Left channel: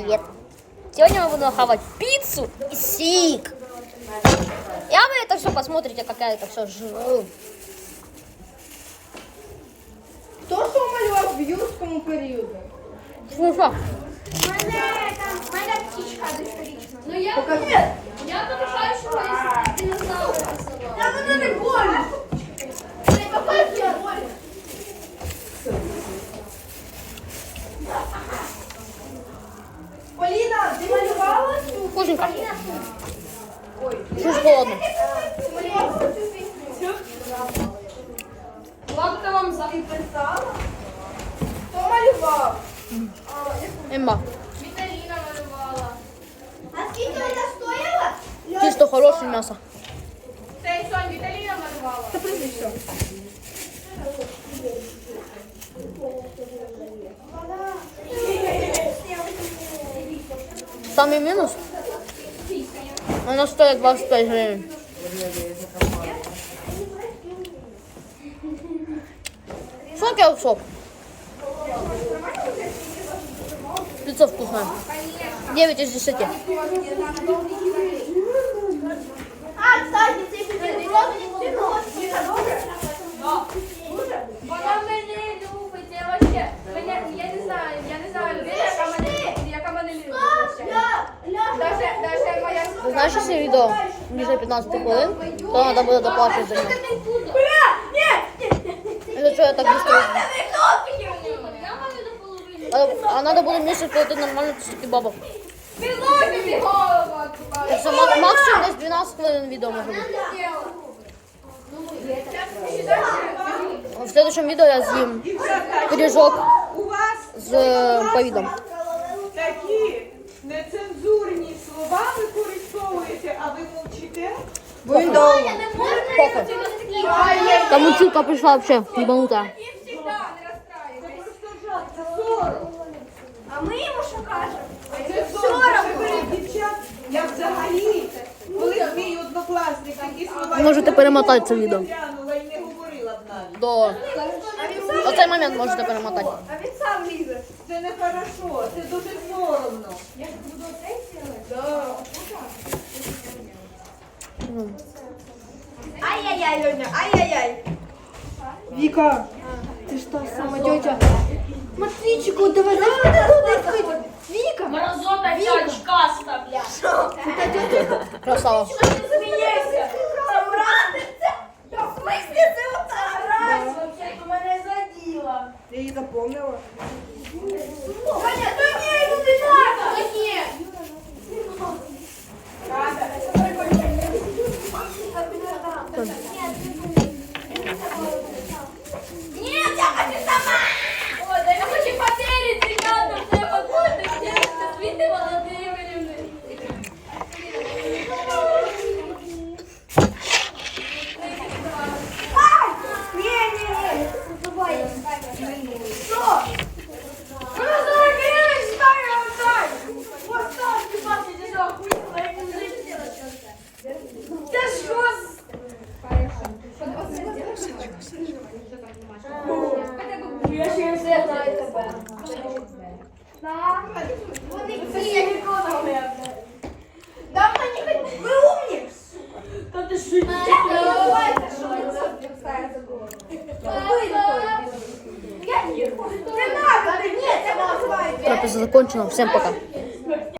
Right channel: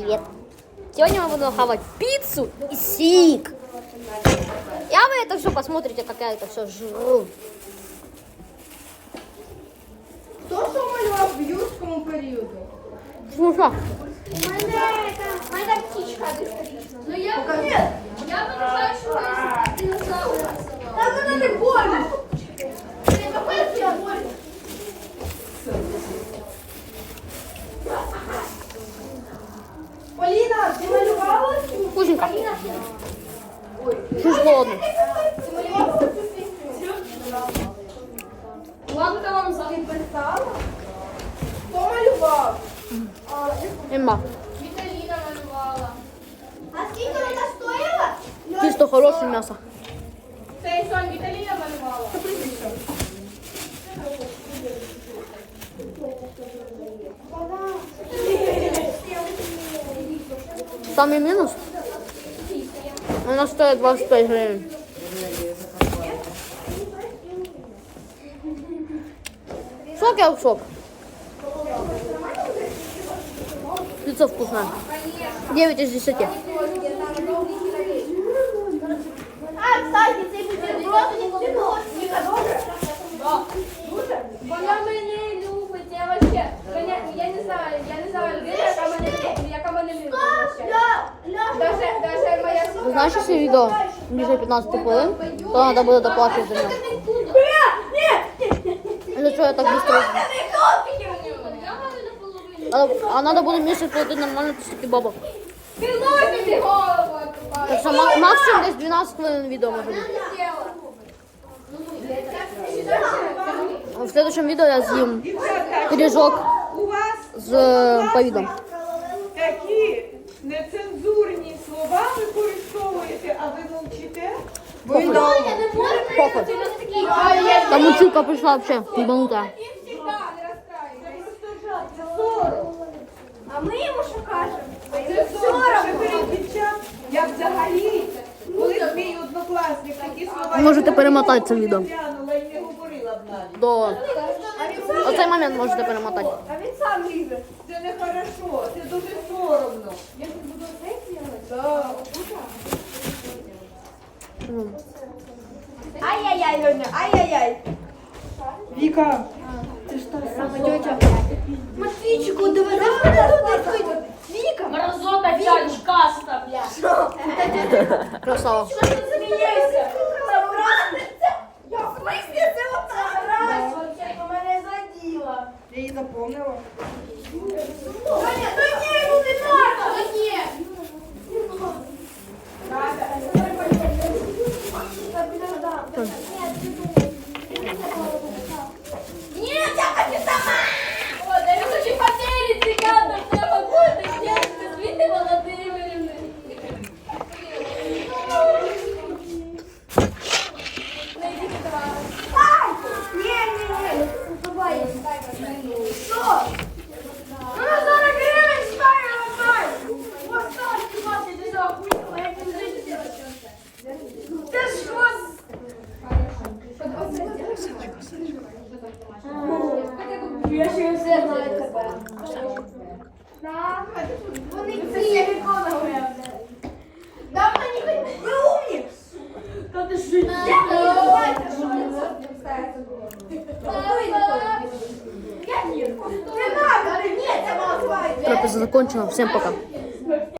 привет! Сегодня мы будем хавать пиццу и сик. Я вы это все посмотрите, как я это все жру. Хто що малював в юрському періоді? Слушай, вкусненько. Чуть холодно. Ладно, вам за Хто малював? Эмма, Віталіна малювала. А скільки вона стояла? чисто хорошее мясо. Цей сон Віталіна малювала. Та прізвище. Самый минус, она стоит 25 гривен. Сок я сок. Пицца вкусная. 9 из 10. моя Ты знаешь, если видео ниже 15 хвилин, то надо будет доплачивать за него. Это что я так быстро? Я маю наполовину. А, а надо будет месяц платить нормально 50 бабок. Пілоті бігова. Так что ма- максимум десь 12 хвилин видео может быть. А В следующем видео я съем пирожок У вас с э, повидом. ви мовчите? Похуй. Похуй. Там училка пришла вообще, ебанутая. Це просто жах, це сором. А ми йому що кажемо? Це сором це перед дівчат. Я взагалі, коли б мій однокласник такі слова... Можете перемотати це відео. Глянула і не говорила б навіть. До... Оцей момент можете перемотати. А він сам лізе. Це не хорошо, це дуже соромно. М. Ай-яй-яй, Льоня, ай-яй-яй. Віка, Тетя. Матвійчику, довеземо мене туди квиток. Віка. Мразота чашка ставля. Красава. Смієшся. Там радиться. В смислі це ота радиться? Мене заділа. ти її запомнила? Давай. Що? Ну, на 40 гривень стає отдай. Ось так, ти бачиш, я охуїла, як він жить. Це ж вас... Я ще не знаю. Так. Вони всі ніколи говорять. Да мені хоч... Ви умні? Та ти ж... Давайте, що я ні. Не надо, ти ні, це називається. Трапеза закончена. Всем пока.